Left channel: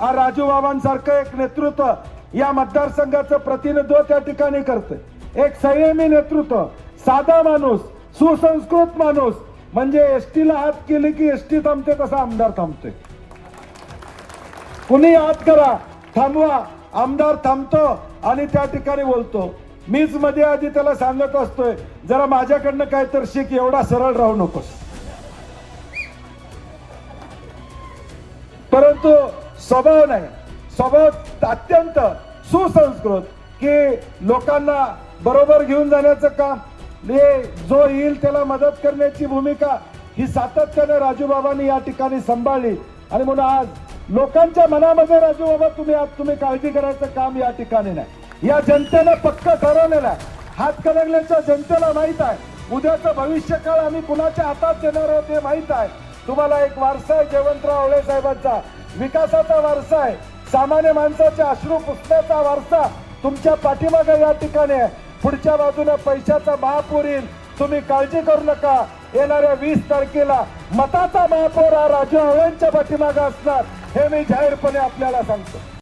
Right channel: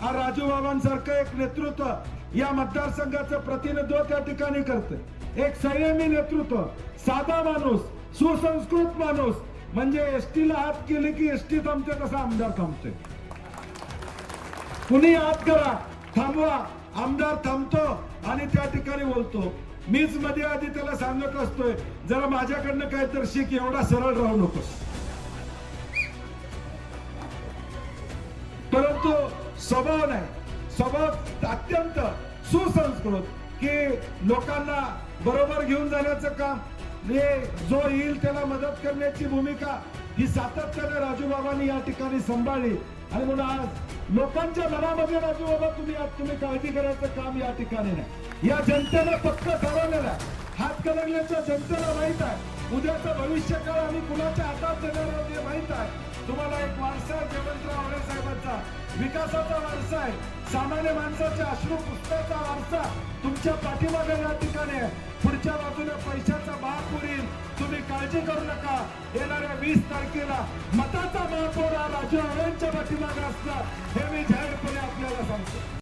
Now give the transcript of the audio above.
हा राजू बाबांसारखं एक नेतृत्व या मतदारसंघाचं प्रतिनिधित्व त्या ठिकाणी करतंय. एक संयमी नेतृत्व साधा माणूस सुसंस्कृत माणूस. म्हणजे एसटीला हात केले की एसटी थांबते तसा आमदार थांबते कुणी हात करा थांबवा. आमदार थांबतो आणि त्या ठिकाणी बोलतो. मीच मध्ये आधी त्याला सांगत असतोय जरा माझ्याकडनं काय तर शिक एवढा सरळ राहू नकोस. परंतु स्वभाव नाही. स्वभाव अत्यंत सुसंस्कृत की लोकांना बरोबर घेऊन जाण्याचं काम. हे जो येईल त्याला मदत करण्याची भूमिका ही सातत्याने राजूबाबांनी या ठिकाणी सांभाळली. आणि म्हणून आज लोकांच्या मनामध्ये राजूबाबा तुम्ही आज तुम्ही काळजी करायचं काम या ठिकाणी नाही. या जनतेनं पक्क ठरवलेलं आहे. हातकणंगल्याच्या जनतेला माहीत आहे. उद्याचं भविष्य काळ आम्ही कुणाच्या हातात देणार आहे हे माहीत आहे. तुम्हाला एक वारसा आहे जयवंतराव आवळे साहेबांचा. विकासाचा वारसा आहे. सामान्य माणसाच्या अश्रू पुसण्याचा वारसा तुमच्या पाठीमागे या ठिकाणी आहे. पुढच्या बाजूने पैशाचा महापूर येईल. तुम्ही काळजी करू नका. येणाऱ्या वीस तारखेला मताचा महापौर हा राजू हवेंच्या पाठीमागे असणार. हे मी जाहीरपणे आपल्याला सांगतो.